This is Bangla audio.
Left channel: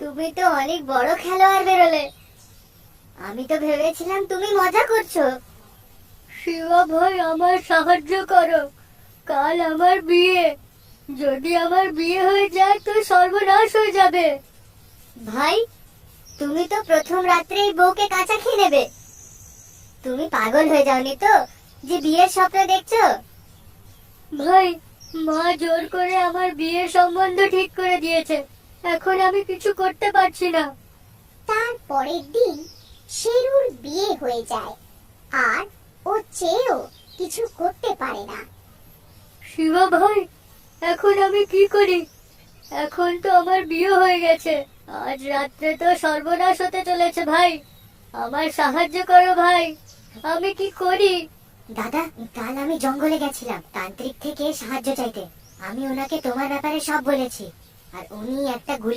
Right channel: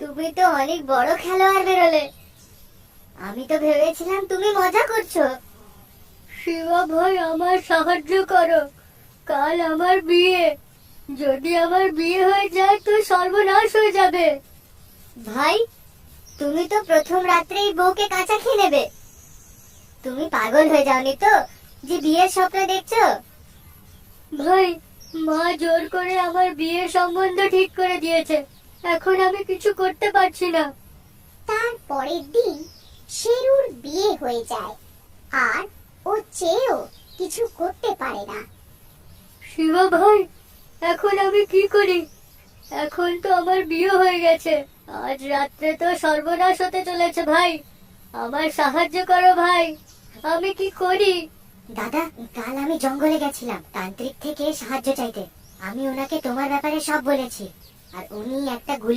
তুমি তো অনেক বড় খেলোয়াড় বেরোলে। আমি তো ভেবেছিলাম তুমি মজা করছো। শিবা ভাই, আমার সাহায্য করো। কাল আমার বিয়ে। যদি আমার বিয়ে হয়ে যায় তো সর্বনাশ হয়ে যাবে। ভাই, তুমি তো প্রথম রাত্রেই বউকে কাঁচা খেয়ে নেবে। তুমি পাগল হয়ে যাওনি তো যে বিয়ের স্বপ্ন দেখছো? ভাই, মা জোর করে আমার বিয়ের সম্বন্ধ ঠিক করে দিয়েছে। এখন আমি কিছু করতে পারছি না। তার পরের দিন শেরুর বিয়ে হয়ে যায়, আর ও চেয়েও কিছু করতে পারে না। শিবা ভাই, এখন আমি কি করি? এখন তো আমার বিয়ে হয়ে গেছে। আজ রাত্রে তো সর্বনাশ হতে চলেছে ভাই। আমার সাহায্য করো ভাই। আমি কি করি? দাদা, কাল আমি জঙ্গলে গেছিলাম তান্ত্রিক থেকে সাহায্য চাইতে। আমি ওনাকে তোমার ব্যাপারে সব বলেছি, আর উনি একটা গুলি